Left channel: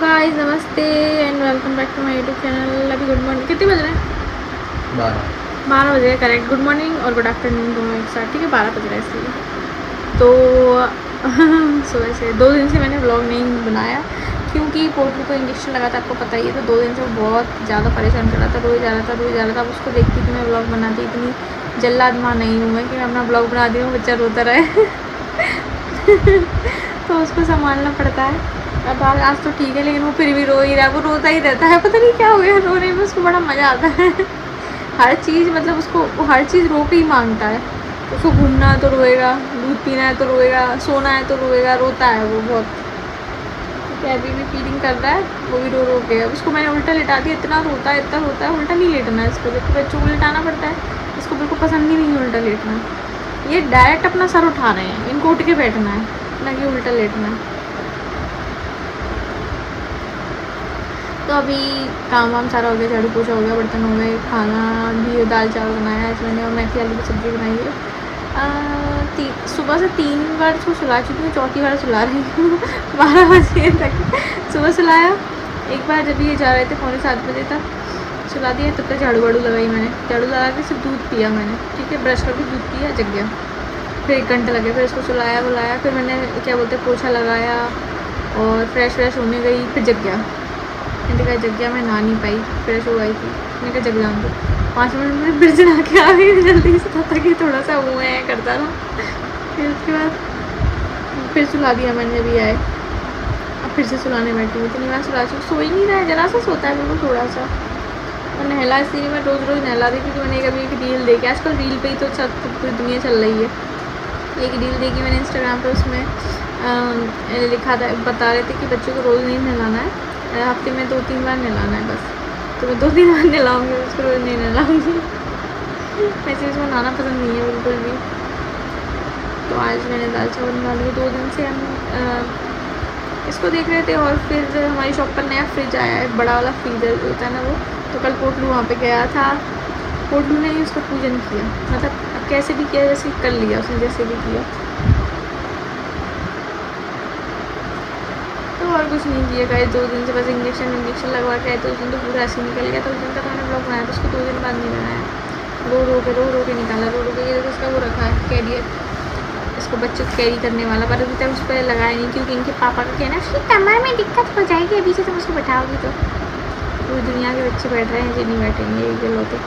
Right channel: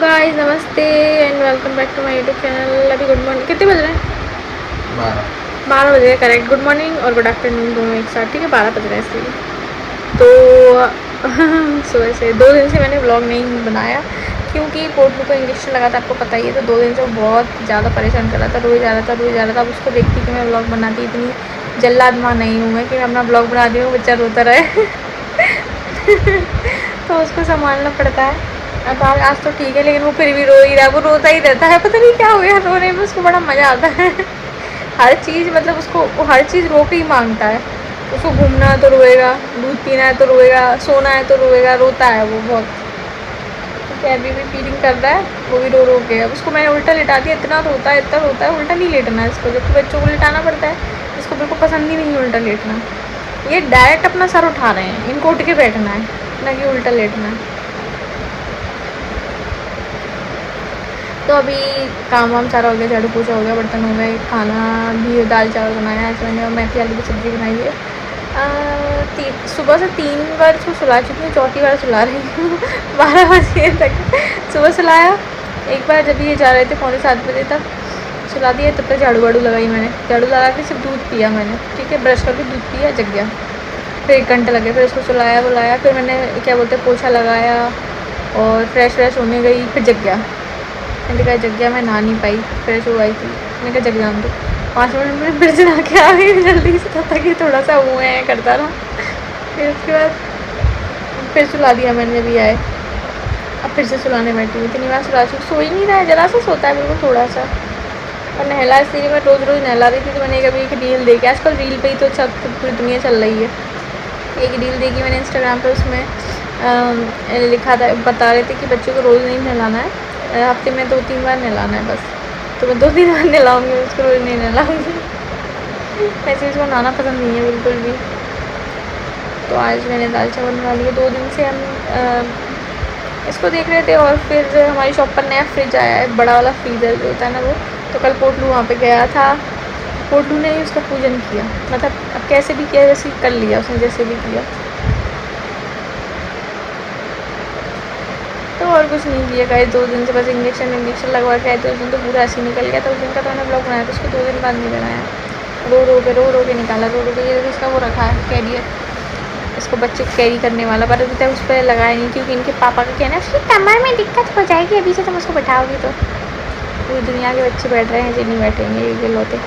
Guys नमस्ते and welcome back to my YouTube channel. अभी good morning कितने बज रहे हैं? 12 बज रहे हैं करेक्ट। गुड मॉर्निंग और गुड आफ्टरनून दोनों एक साथ, ठीक है। 12 बज रहे हैं इसलिए तो सुबह से 2 दिन से मैंने व्लॉग नहीं बनाया क्योंकि पोटलू को इंजेक्शन लगा था, आपको पता ही है। तो 2 दिन से वो बहुत ज़्यादा परेशान कर रहा था, रोज़ आ रहा था। अब उसको देखती कि मैं व्लॉग बनाती, इतनी जल्लाद माँ नहीं हूँ मैं कि मैं अपना व्लॉग बना दी हूँ बच्चा रोता रहे। तो उसको संभालना पड़ता है। अब आज तो ठीक है, लेकिन वो फिर भी रो ही रहा है, वो रोता ही रहता है, पता नहीं क्या हो गया रोने में। उसको बड़ा मज़ा आता है। हर चीज़ मतलब उसको वो हर चीज़ रो के ही मांगता है। उसको घूमना है तो रोएगा, दूध पीना है तो रोएगा, सोना है तो रोएगा, रोता है वो बहुत। ठीक है, अभी भी फीडिंग कर रहा है, वो भी रो रो के। अब उसको मैंने उल्टा लिटा दिया, इतना रोता है। उल्टा नहीं लेटना है इसको, जबकि बच्चों को लिटाना पड़ता है। इसको बिल्कुल पसंद ही नहीं है उल्टा लेटना। ये डायरेक्ट अपना सर उठा रहे हैं, इनको उठ के बैठना है, ना कि उल्टा लेटना है। तो अभी काम वाम सारा हो गया, झाड़ू पोछा हो गया, बर्तन हो गए, खाना भी दाल चावल बनाया आज मैंने और मेथी आलू की सब्ज़ी बनाई है। सुबह से 3 बार उसको सुला चुकी हूँ, चौथी बार सुला रही हूँ। 12 बजे तक सुबह सुलाया, एक बार जब ये जा रहे थे 6:45 तक सुला दिया, तब तक झाड़ू वाड़ू लगाई मैंने। झाड़ू लगा के सिर्फ दूध पिया मैंने, ठीक है, ब्रश करके दूध पिया, जग गया। फिर 1 घंटा लगे, फिर उसको सुलाया बुलाया, फिर मैंने क्या बोलते हैं पोछा लगाया और फ्रेश होने गई, फिर जग गया। मैंने कहा जग गया, मैं नहा नहीं पाई, फ्रेश हो आई थी। मैंने कहा जग जान दो, 5 मिनट में फिर से नहा के आ गई जल्दी से, तब तक कि थोड़ा सा वो है करता रहा। फिर उसके बाद फिर सुला दिया मैंने, अभी आए। अब फिर से सुलाने बैठी हूँ, इतनी बार सुला चुकी, सो ही नहीं रहा है, जरा सा सोता है बिल्कुल थोड़ा सा। और नहला इसलिए मैं रोज़ नहला रही थी। तो मैंने कभी एक रील देखी, आजकल रील पे ही तो पूरी दुनिया चल रही है। एक रील देखी मैंने इंस्टाग्राम पर, उसमें लिखा था, बता रहे थे कि बच्चों को रोज़ नहीं नहलाना है, हफ्ते में 2-3 बार नहलाना है बस। तो मैं 2-3 बार नहलाऊँगी, उसको रोज़ नहीं नहलाऊँगी। वैसे उसको नहाना पसंद नहीं है बिल्कुल भी। तो आज मैंने दाल चावल बना लिए। 2 दिन से हम इसको देख रहे थे। और फिर हमारी शॉप पर नया फ्रिज आया है, बड़ा वाला फ्रीज़र जो होता है ना वो। तो कल पोटलू वहाँ पे गया था, पोटलू ने ही उसका पूजन किया, मतलब अब कैसे भी किया, जैसे कर लिया उसने, जैसे भी किया। तो और कुछ नहीं किया गाइस, 2 दिन से बस इंजेक्शन लगवा के आए। तो उस दिन तो पूरा ऐसे निकल गया था। उस दिन का तो मैंने ब्लॉग बनाया था, उसको 2 दिन बाद नहीं बनाया। रो के निकाला, रो के। ये उसका वो रखा है कैरियर, इसको बच्चे को कैरी करने वाला, पर अभी तक उस पर लगाया नहीं क्योंकि इनके पापा का कहना है उसकी कमर में दिक्कत हो जाएगी अभी से तुम उसको बैठाओगी तो। पूरी दुनिया के बच्चे बैठ रहे हैं, जो नहीं बैठेंगे ये लोते।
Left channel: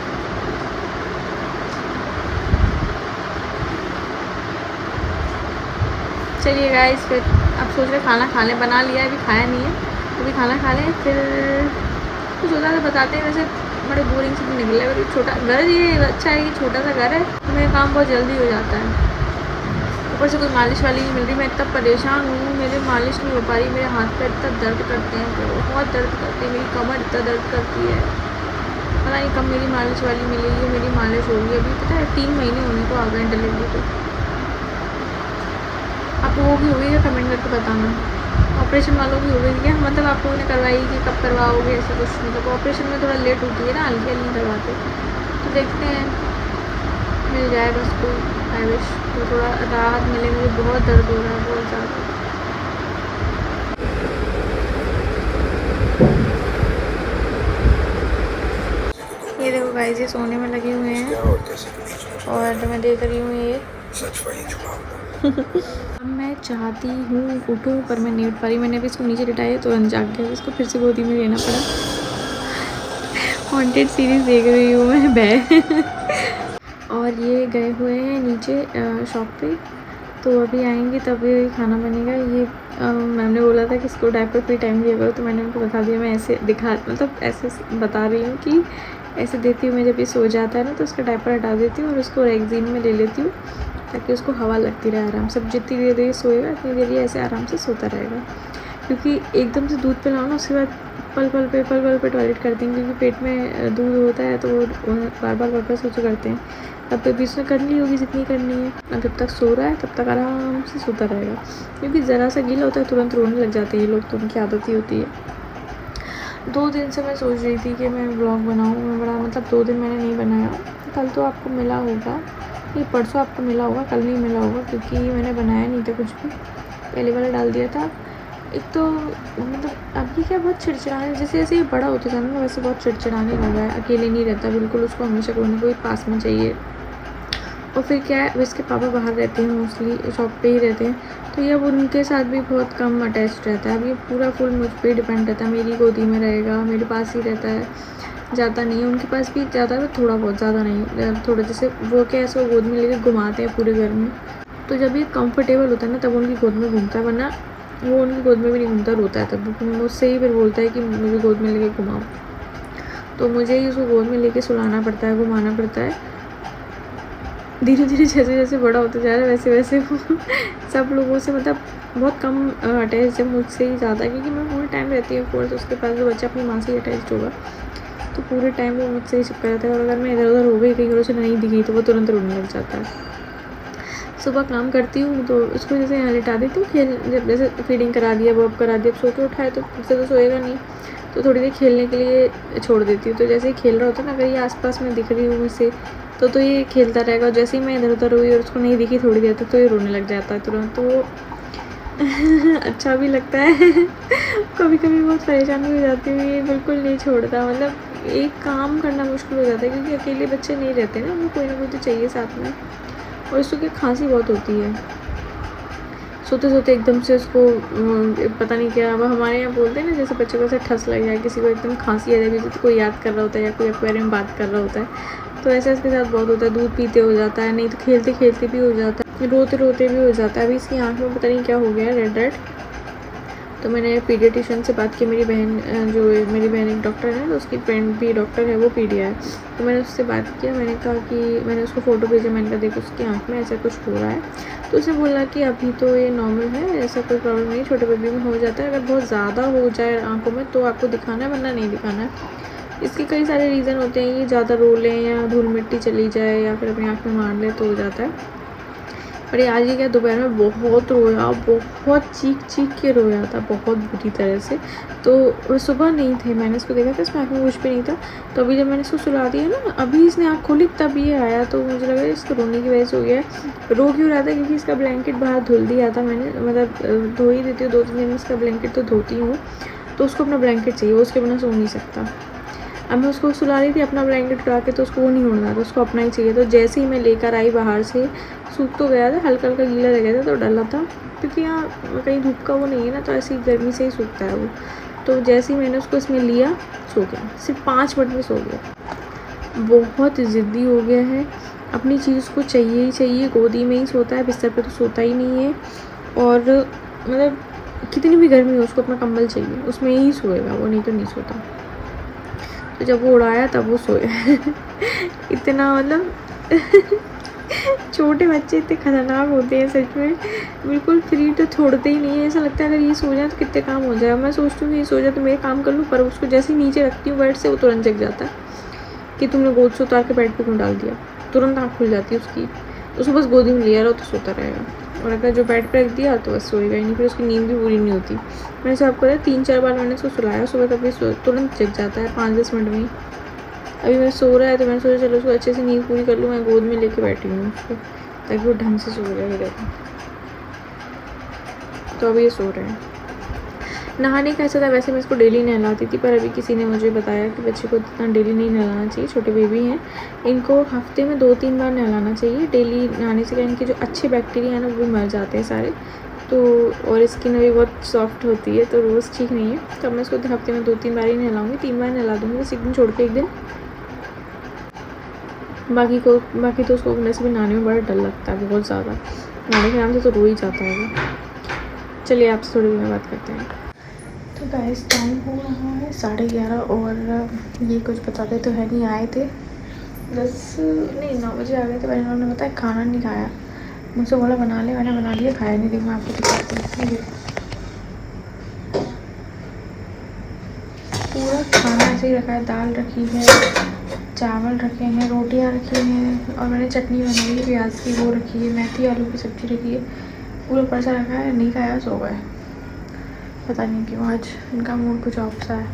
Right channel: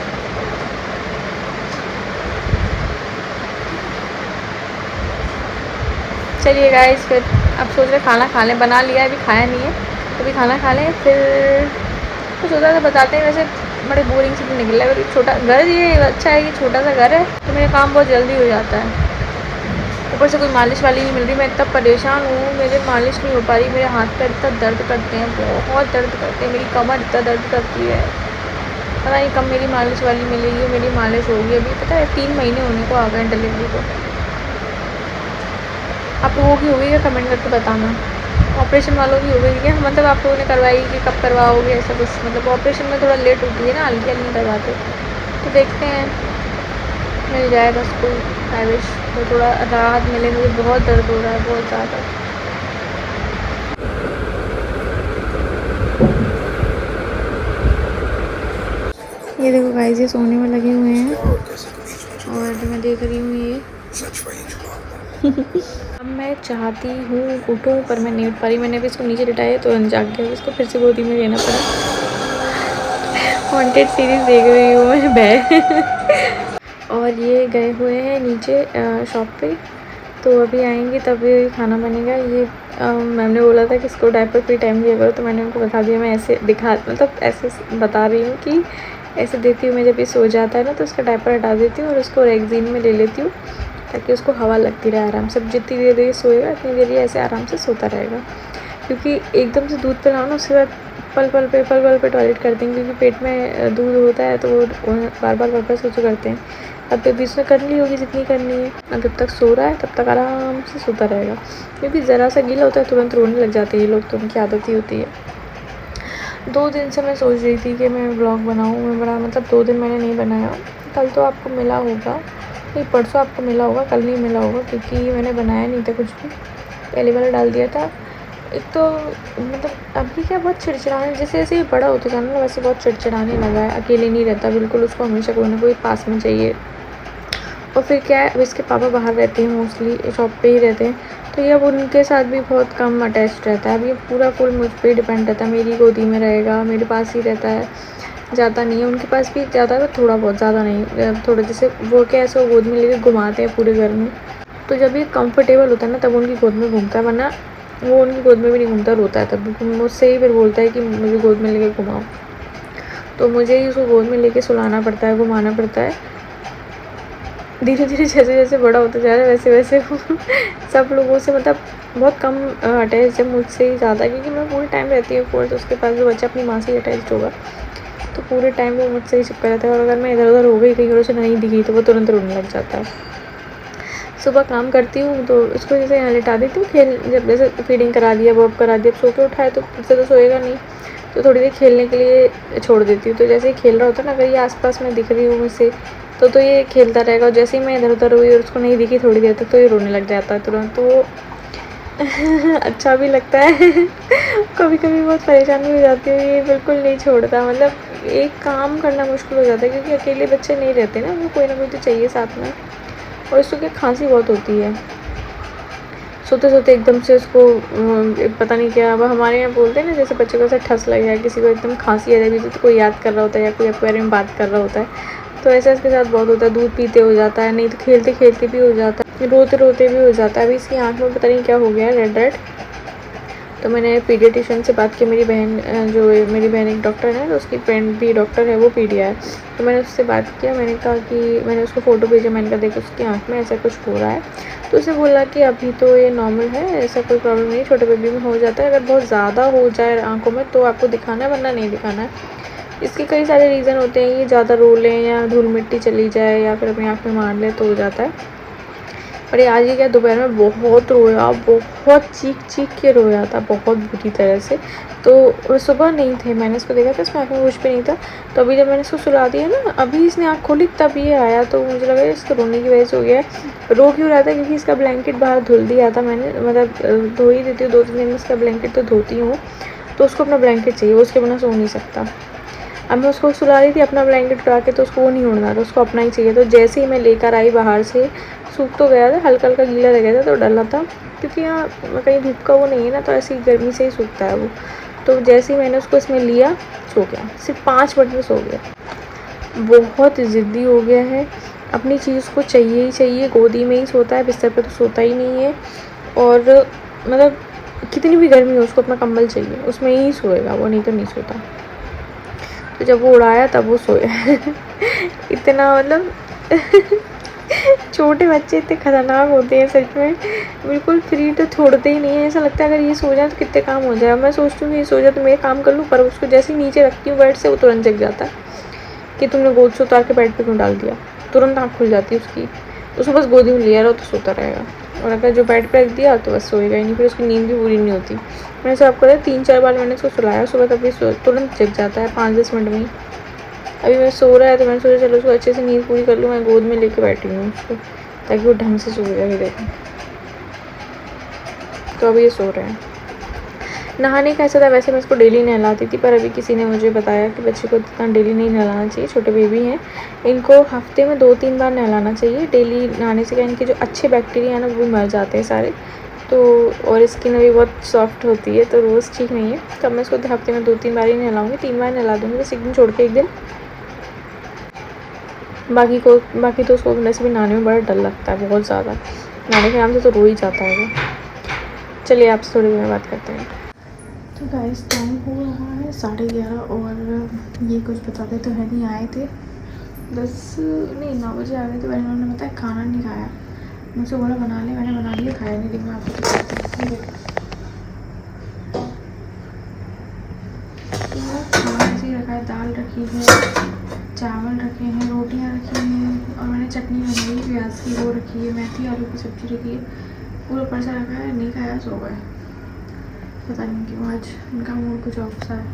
चलिए गाइस, फिर अब सोच रहे खाना खा लें, बना लिया अभी खाया नहीं है, तो अभी खाना खा लें फिर तो सोचा था बताते हैं। वैसे बड़े बोरिंग से तो निकला है, छोटा घर, ये अच्छा है कि छोटा सा घर है तो मेरा काम बहुत जल्दी हो जाता है। ऊपर से कोई मालिश वाली नहीं मिल रही, मैं इतना परेशान हूँ, मेरे मालिश नहीं हो पा रही, मेरे हाथ पैर इतना दर्द करते हैं, बहुत दर्द करते हैं, मेरी कमर इतना दर्द करती है। पता नहीं कब मेरी मालिश वाली मिलेगी, मेरी मालिश होगी। अभी पता है 3 महीने होने को आ गए डिलीवरी को। आप लोगों की हो गई क्या, कमेंट करके बताना। ऑपरेशन वालों की हो गई क्या, मतलब आप लोगों ने करवाई कि कब करवाओगे, ऐसा कुछ। मतलब ऑपरेशन में थोड़ा लेट होती है ना, हल्की नहीं करवाते। तो देखते हैं, मिल जाए बस कोई, आई विश तो थोड़ा राहत मिले। मुझे बहुत दर्द हो रहा है, बहुत ज़्यादा। ये देखो गाइस, ये सोने में लगे हुए हैं और मैं देख रही हूँ ये। अब मैं चाहती हूँ उठूँ, पर मैं नहीं उठ पा रही। मैंने अभी इसको नीचे लिटाया तो जाग गया, इसको फिर से गोदी में लेना पड़ा। हॉन्टेड सीरीज़ देख रही हूँ मैं और ये गए हुए हैं नीचे शॉप पे, तो अभी आएंगे तभी खाना बनेगा। ये मैम ने बोला था कि इसको डायपर फ्री टाइम दिया करो, तो मैंने उनको बता दिया। मैं ऐसे मतलब ऐसे बता रही हूँ कि ऐसे देती हूँ मैं, जब ये सो जाता है ना तो उसका डायपर हटा देती हूँ और उसको रेगजीन में ले लेती हूँ, ताकि उसको हवा लगती रहे आराम से। जितनी देर ये सोएगा उतनी देर ये ऐसे आराम से सोता रहेगा, क्योंकि एकदम से दूध पिलाओ ना, उसके बाद पल पल पे टॉयलेट करते हैं, क्योंकि पेट में दूध होता है तो वो बार बार वापस सोचो करते हैं। अब तो बीच में कर ली होगी जितनी करनी है, और जब तक सो रहा है तब तक आराम से सोता रहेगा, क्योंकि ज़रा सा गीला होता है तुरंत रोने लग जाते हैं ये लोग, तो उनकी आदत ही होती है। 2 दिन से मैं सोच रही थी कि मैं व्लॉग बनाऊँ, मैं बड़ा मतलब 2 दिन मैंने नहीं बनाया। कल तो आपको मिला होगा, कोई परसों आपको मिला होगा, कल नहीं मिला होगा, क्योंकि मैंने बनाया नहीं था कुछ भी। पहले वाला डाल दिया था एक तो मतलब अभी क्या बहुत चिड़चिड़ाने, जैसे जैसे ये बड़ा होता जाना ना वैसे बहुत चिड़चिड़ाने लगा है, अकेले नहीं रहता बिल्कुल, उसको हमेशा कोई ना कोई पास में चाहिए। और फिर क्या है, अब इसके पापा बाहर रहते हैं, मोस्टली शॉप पे ही रहते हैं, तो ये अब उनके साथ भी बहुत कम अटैच रहता है। अब ये पूरा फुल मुझ पर डिपेंड रहता है, मेरी गोदी में रहेगा, मेरे पास ही रहता है, जाता नहीं है। उनके पास भी जाता है थोड़ा बहुत, ज़्यादा नहीं, थोड़ा जैसे वो क्या ऐसे गोद में लेके घुमाते हैं पूरे घर में, तो जब ये कंफर्टेबल होता है ना तब उनकी गोद में घूमता है, वरना वो उनकी गोद में भी नहीं घूमता, रोता है तब। मुझसे ही फिर बोलता है कि मुझे गोद में लेके घुमाओ, तो मुझे ही उसको गोद में लेके सुलाना पड़ता है, घुमाना पड़ता है। धीरे धीरे जैसे जैसे बड़ा होता जा रहा है वैसे वैसे वो सब लोगों से मतलब बहुत कम अटैच है, मुझसे ही ज़्यादा, क्योंकि मैं पूरे टाइम रहती हूँ कोर्स, उसके पास जो बच्चा अपनी माँ से ही अटैच होगा, तो पूरे टाइम वो मुझसे ही चिपका रहता है। और अगर मैं इधर उधर हो गई, कहीं और उसे नहीं दिखी, तो वो तुरंत रोने लग जाता है। सुबह काम करती हूँ तो उसको जैसे यहाँ लिटा देती हूँ, खेल, जब जैसे फीडिंग करा दिया, बॉब करा दिया, अब सो के उठाए तो फिर से तो सोएगा नहीं, तो थोड़ी देर खेलने के लिए छोड़ देती हूँ। तो जैसे ही खेल रहा होता है ना, अगर ये आसपास में दिख रही हूँ मुझसे, तो ये खेलता रहेगा, और जैसे ही मैं इधर उधर हुई और उसको नहीं दिखी थोड़ी देर तक, तो ये रोने लग जाता है तुरंत, तो वो अच्छा भी लगता है कभी कभी बहुत परेशान भी हो जाती हूँ, ये बिल्कुल नहीं छोड़ता, मतलब एक काम करना मुश्किल हो जाता है, क्योंकि अकेले बच्चे नहीं रहते ना, उनको कोई ना कोई तो चाहिए साथ में। और इसको क्या खांसी बहुत होती है, सोते सोते एकदम से उसको पता नहीं क्या, अब हमारे यहाँ बोलते हैं ना, जैसे बच्चे को ऐसा ठस लग जाए, किसी को एकदम खांसी आ जाएगी, तो कोई याद कर रहा होता है या कोई आपके बारे में बात कर रहा होता है, तो ऐसा इसके साथ बहुत होता है। दूध पीते हो जाता है, नहीं तो खेलते खेलते भी हो जाता है, रोते रोते भी हो जाता है। अभी इसकी आँख में पता नहीं क्या हो गया है, रेड रेड। तो मैंने पीडियाट्रिशियन से बात की, मेरी बहन जो मेरी बहन एक डॉक्टर है, तो उसकी फ्रेंड भी डॉक्टर है, वो पीडिया है, तो मैंने उससे बात किया, मैंने कहा कि मैंने उसको फ़ोटो भेजा, मैंने कहा देखो उसकी आँख में ऐसा कुछ हो रहा है, तो उसे बोला कि अभी तो ये नॉर्मल है, ऐसा कोई प्रॉब्लम नहीं, छोटे बेबी में हो जाता है, अगर बहुत ज़्यादा हो जाए आँखों में तो आपको दिखाना है, वरना नहीं दिखाना है। इसके कई सारे रीज़न होते हैं, ये ज़्यादा रो लें या धूल मिट्टी चली जाए या फिर अपनी आँख में मार लें तो हो जाता है। और ये आज ही क्या, दोपहर में बहुत रोया, बहुत चीख चीख के रोया था, बहुत बुरी तरह से। तो सुबह नहीं थे, मैंने इसको देखा था, इसमें आँख में कुछ भी नहीं था, तो अभी जब मैंने इसको सुला दिया ना, अभी इसने आँख खोली तब ये आया, तो मुझे लगा इसको रोने की वजह से हो गया है। रो क्यों रहा था, क्योंकि इसका ब्लैंकेट बाहर धुल दिया था मैंने, मतलब धो ही देती हूँ 2-3 दिन में इसका ब्लैंकेट तो धोती हूँ, तो उसको अपना ब्लैंकेट चाहिए, वो उसके बिना सो नहीं सकता। अब मैं उसको सुला रही थी अपना ब्लैंकेट उठा के, तो उसको वो नहीं उड़ना था, उसको अपना ही चाहिए। तो जैसे ही मैं लेकर आई बाहर से, सूख तो गया था, हल्का हल्का गीला रह गया था, तो डला था, क्योंकि यहाँ कहीं धूप का वो नहीं है ना, तो ऐसी गर्मी से ही सूखता है वो। तो जैसे ही मैंने उसको इसमें लिया, सो गया, सिर्फ 5 मिनट में सो गया। बहुत ज़िद्दी हो गया है, अपनी चीज़ को चाहिए ही चाहिए, गोदी में ही सोता है, बिस्तर पर तो सोता ही नहीं है। और मतलब कितनी भी गर्मी हो, उसको अपना कंबल चाहिए, उसमें ही सोएगा वो, नहीं तो नहीं सोता। तो जब वो उड़ाया तब वो सोया इतना मतलब छोटे बच्चे इतने खतरनाक होते हैं सच में, बिल्कुल फ्री तो छोड़ते ही नहीं है, ऐसा लगता है अगर ये सो जाए तो कितने काम हो जाए। मैं सोचती हूँ कि ये सो जाए तो मैं काम कर लूँ, पर उसको जैसे ही नीचे रखती हूँ बेड से, वो तुरंत जग जाता है कि तुमने गोद से उतार के बेड पे क्यों डाल दिया, तुरंत आँख खुल जाती है उसकी। उसको बस गोदी में लिया रहो तो सोता रहेगा, और अगर जो बेड पे रख दिया तो बस सोएगा ही नहीं, फिर उसकी नींद भी पूरी नहीं होती। मैंने सब आपको 3-4 बार मैंने उसको सुलाया सुबह, तभी तुरंत जग जाता है 5-10 मिनट में ही। अभी मैं सो रहा है तो मैंने सोचा चलो उसको अच्छे से नींद पूरी कर लूँ, मैं गोद में लेके बैठी हूँ उसको, ताकि वो ढंग से सो जाए। देखो तो अभी ये सो रहे हैं। नहाने का ऐसा था, वैसे मैं इसको डेली नहलाती थी, पर अभी किसी ने मुझे बताया कि बच्चे को इतना डेली नहीं नहलाना चाहिए, छोटे बेबी हैं, इनको हफ्ते में 2-3 बार नहलाना चाहिए। डेली नहाने से क्या, इनके जो अच्छे बैक्टीरिया हैं ना वो मर जाते हैं सारे, तो और स्किन भी बहुत सॉफ्ट होती है, तो रोज़ ठीक नहीं है। तो मैं इसको हफ्ते में 2-3 बार ही नहलाऊँगी, 3 बार नहला दूँगी, बस एक दिन छोड़ के एक दिन। बाकी तो उसको वैसे भी नहाने में बड़ा डर लगता है, बहुत ज़्यादा, नहाने के नाम से तो रो ही जाता है वो। चलिए आपसे थोड़ी देर में बात करते हैं। तो गाइस टाइम हो रहा है 11:30, और ये कुछ बताते तो है नहीं, आए थे 9 बजे आ गए थे। मैंने उन्होंने बताया खाना नहीं खाया, मुझसे बोला बना ले, मैंने बना लिया, खाया नहीं, लेकिन मैं आपको दिखाती हूँ। पूरा खाना ऐसे ही रखा है, दाल रखी है, चावल रखे हैं, रोटियां रखी हैं, और मैंने चटनी बनाई है प्याज की, वो रखी है, मेथी आलू की सब्ज़ी रखी है, पूरा परसा रखा है, नहीं खाया, सो गए। पता नहीं क्यों आज इनका मूड कुछ ऑफ सा है।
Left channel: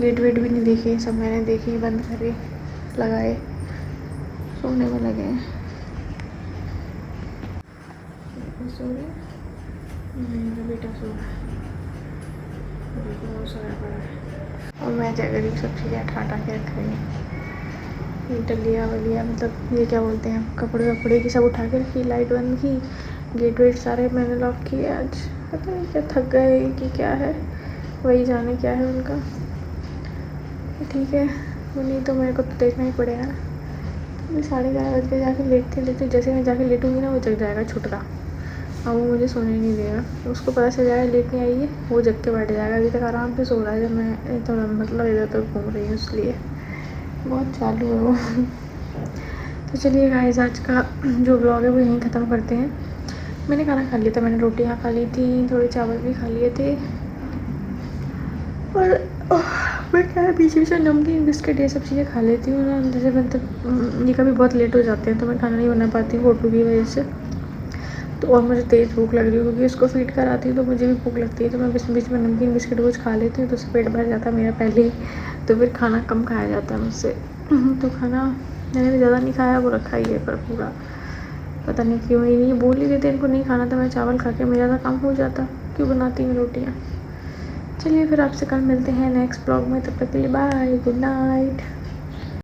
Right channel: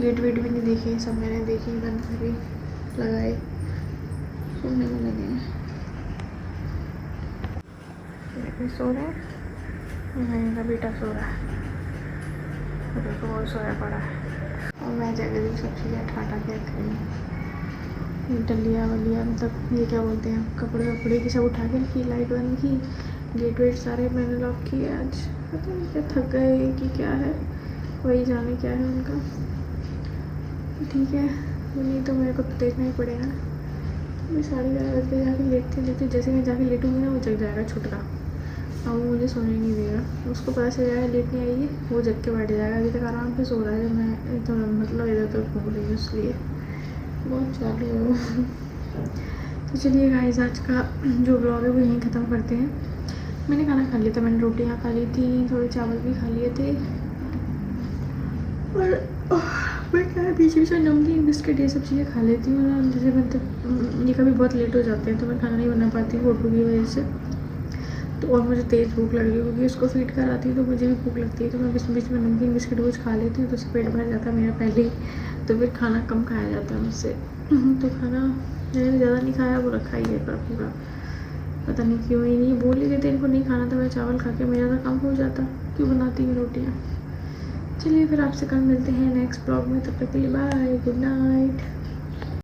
गेट वेट भी नहीं देखे, सब मैंने देखी, बंद करे लगाए, सोने में लगे हैं। सो रहे हैं, मेरा बेटा सो रहा है। देखो वो सोया पड़ा है और मैं क्या करी सब चीज़ें ठाटा के रख रही हूँ। ये डलिया वलिया मतलब ये क्या बोलते हैं कपड़े वपड़े की सब उठा के रखी, लाइट बंद की, गेट वेट सारे मैंने लॉक किए। आज पता नहीं क्या थक गए कि क्या है, वही जाने क्या है उनका। ठीक है वो नहीं तो मेरे को तो देखना ही पड़ेगा। मैं 11:30 बज के जाके लेटते जैसे मैं जाके लेटूँगी ना वो जग जाएगा छुटका, अब वो मुझे सोने नहीं देगा। उसको पता चल जाएगा लेटने आई है, वो जग के बैठ जाएगा। अभी तक आराम से सो रहा है जब मैं थोड़ा मतलब इधर तक घूम रही हूँ, इसलिए बहुत चालू है वो। तो चलिए गाइस आज का जो ब्लॉग है वो यहीं ख़त्म करते हैं। मैंने खाना खा लिया था, मैंने रोटियाँ खा ली थी, थोड़े चावल भी खा लिए थे और मैं क्या बीच बीच में नमकीन बिस्किट ये सब चीज़ें खा लेती हूँ ना। जैसे मतलब ये कभी बहुत लेट हो जाते हैं तो मैं खाना नहीं बना पाती हूँ फोटो की वजह से। तो और मुझे तेज़ भूख लग रही है क्योंकि उसको फीड कराती हूँ तो मुझे भी भूख लगती है, तो मैं बीच बीच में नमकीन बिस्किट कुछ खा लेती हूँ तो उससे पेट भर जाता है मेरा पहले ही, तो फिर खाना कम खाया जाता है मुझसे। तो खाना मैंने भी ज़्यादा नहीं खाया, वो रखा ही है पर पूरा, पता नहीं क्यों ही नहीं बोल ही देते इनको नहीं खाना था। मैं चावल खा के मेरा ज़्यादा कम हो जाता, क्यों बनाती हूँ रोटियाँ। चलिए फिर आपसे कल मिलते हैं नेक्स्ट ब्लॉग में, तब तक के लिए बाय, गुड नाइट।